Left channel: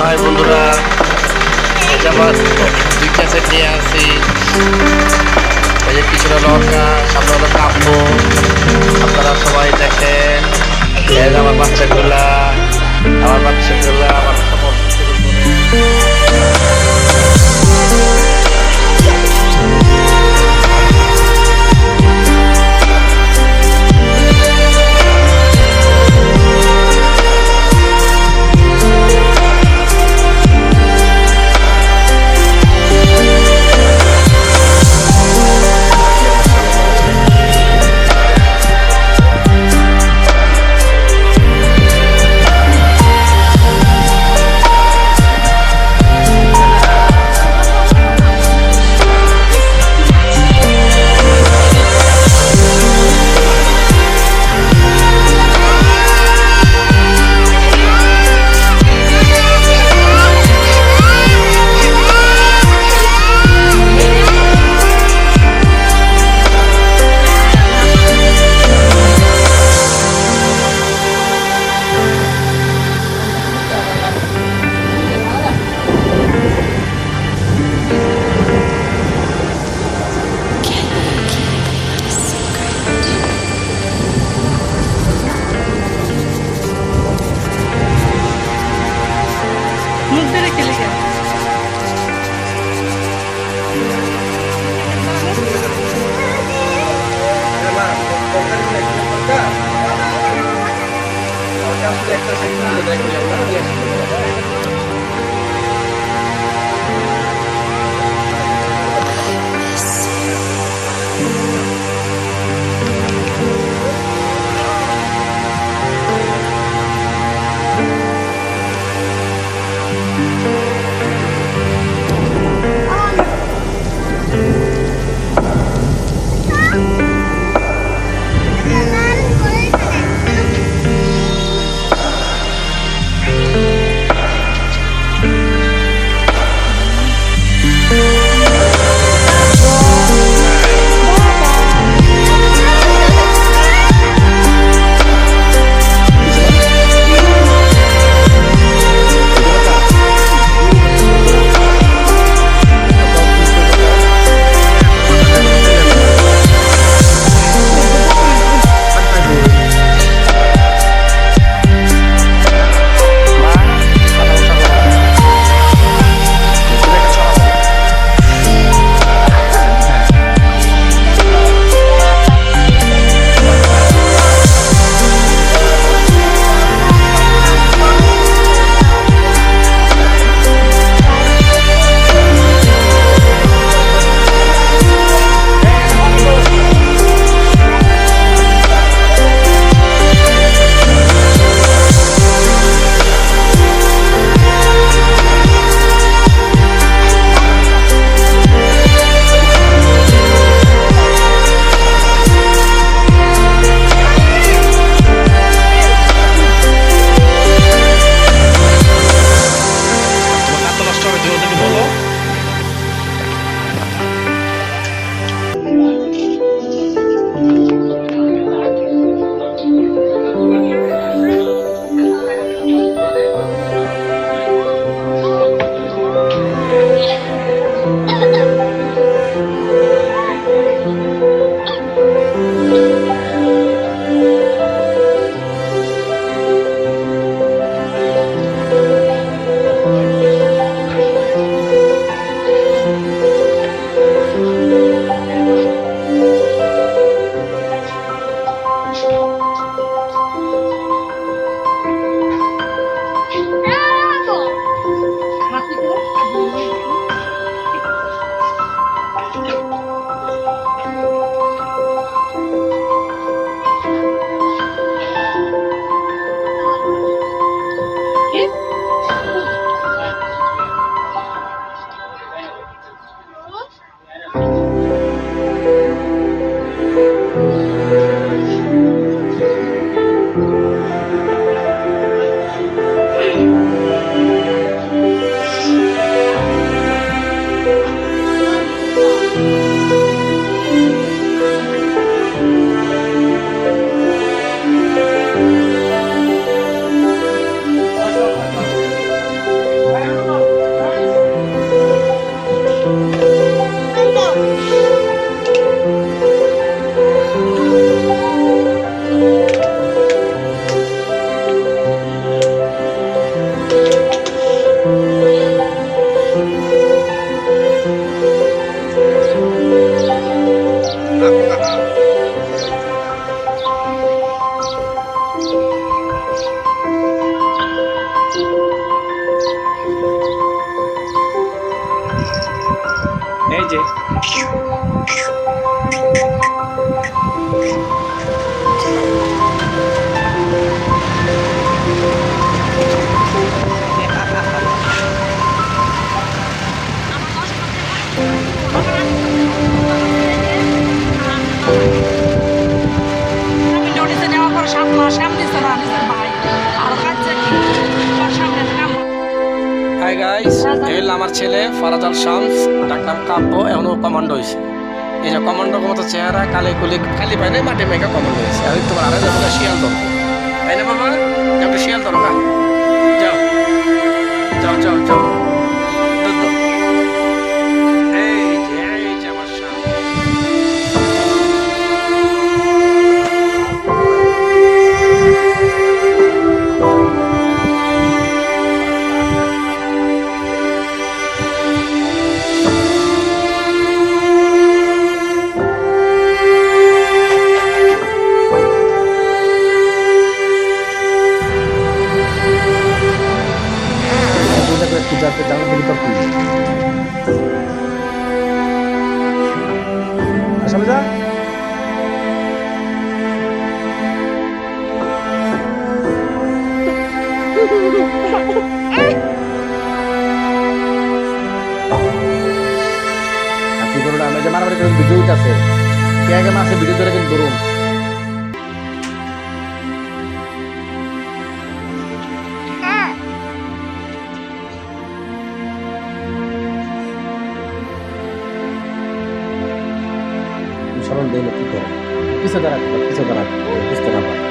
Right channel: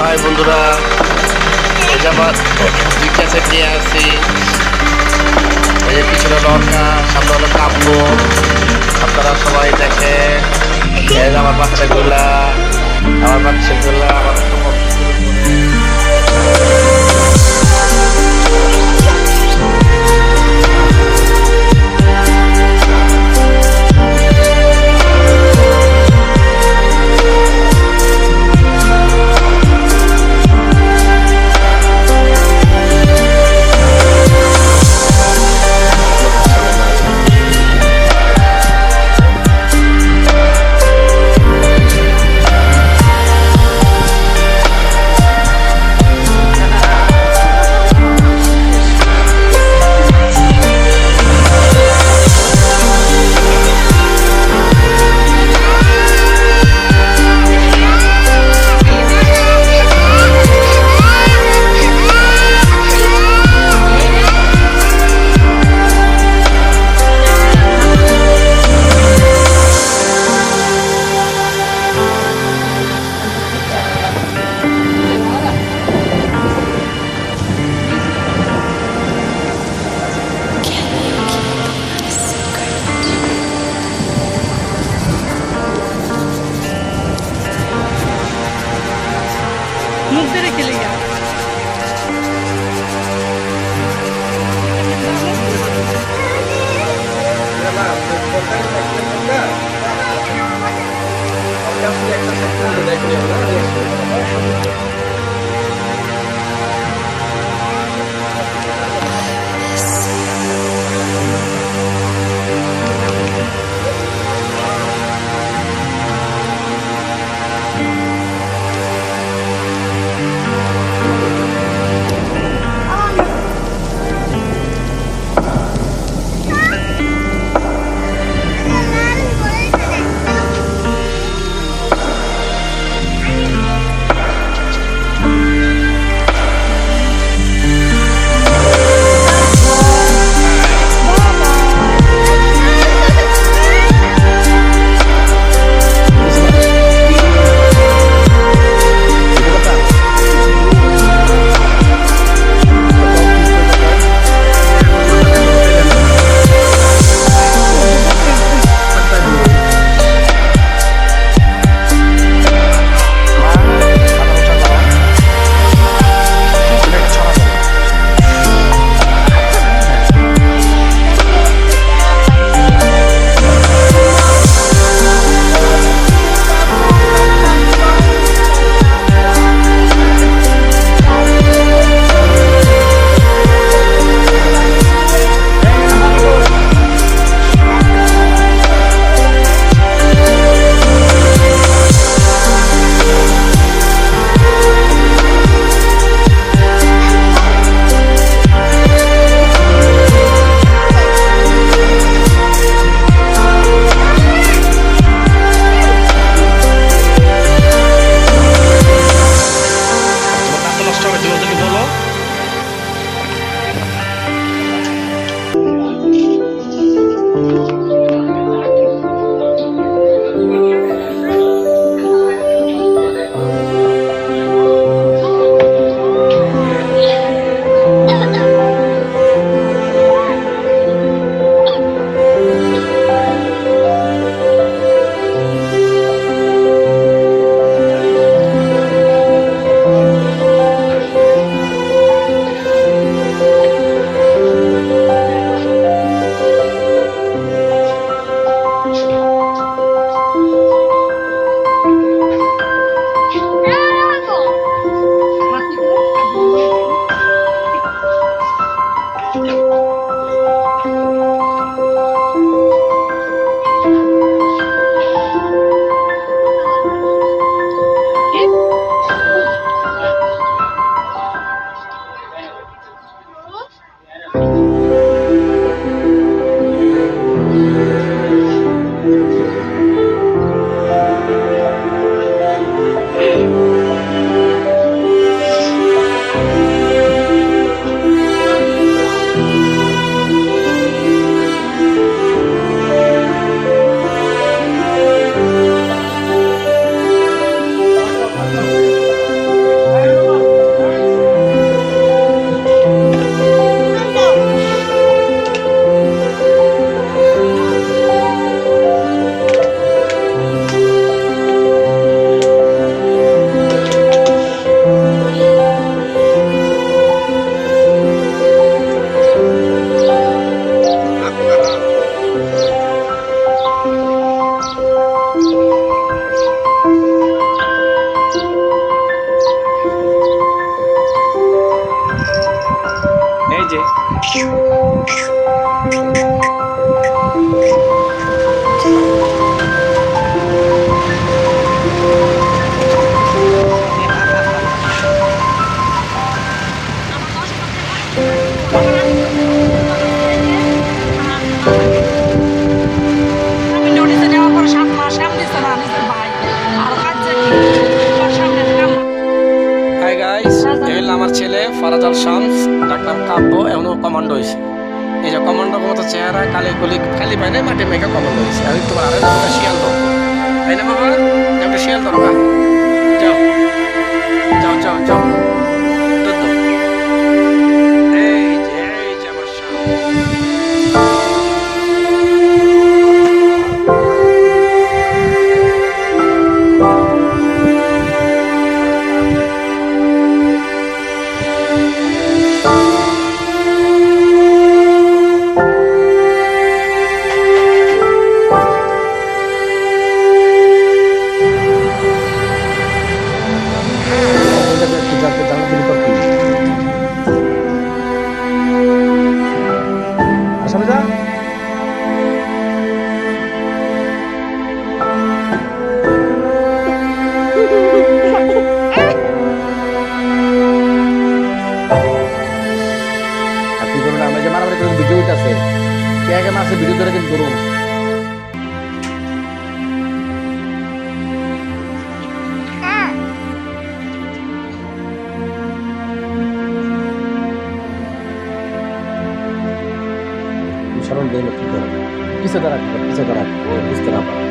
High বন্ধুরা, এই যে আমার দুই ক্যাসেট নিয়ে আসি। এই যে পিছনে লঙ্কা, সামনে হলো কাব্য। আপনারা সবাই দেখেন। এই যে আমার বাচ্চাগুলা আমার সমর্থন শুরু করে। मुख दे रखे ले गया এই যে আমি নোটিশে নেওয়ার পর 7 মাস কাম দিচ্ছে না নিজের ভাই আর কাজ কি তার সামনে কাম হাই গাইস, এই হলো আমার ছেলে ফারাজ আল শামস, ডাকনাম কাব্য, এখনো কমান্ডো হয়েছে। এই যে কমান্ডোর মতো চেহারা, কালে কুলি খালি পাই নাই, মাঠে মেঘা কমান্ডো হয়েছে। এখন তোমার আরে যাবো শিয়াল ধরবো, তাই না বাবা? যাও একটা শিয়াল ধরো, যাও যাও যাও যাও, দুধ দাও। এই যে আমার শামস। জানলা থেকে তোর খুলি আর সামনে যা। আর তুই করো না, আমি যে মারামারি করে ভিডিও আছে কে আগে মাসে ভিডিও ধরে কিন্তু ধরুন। সরল দেয় না কি করে, পিছে দাঁড়া বুঝতে না পারে।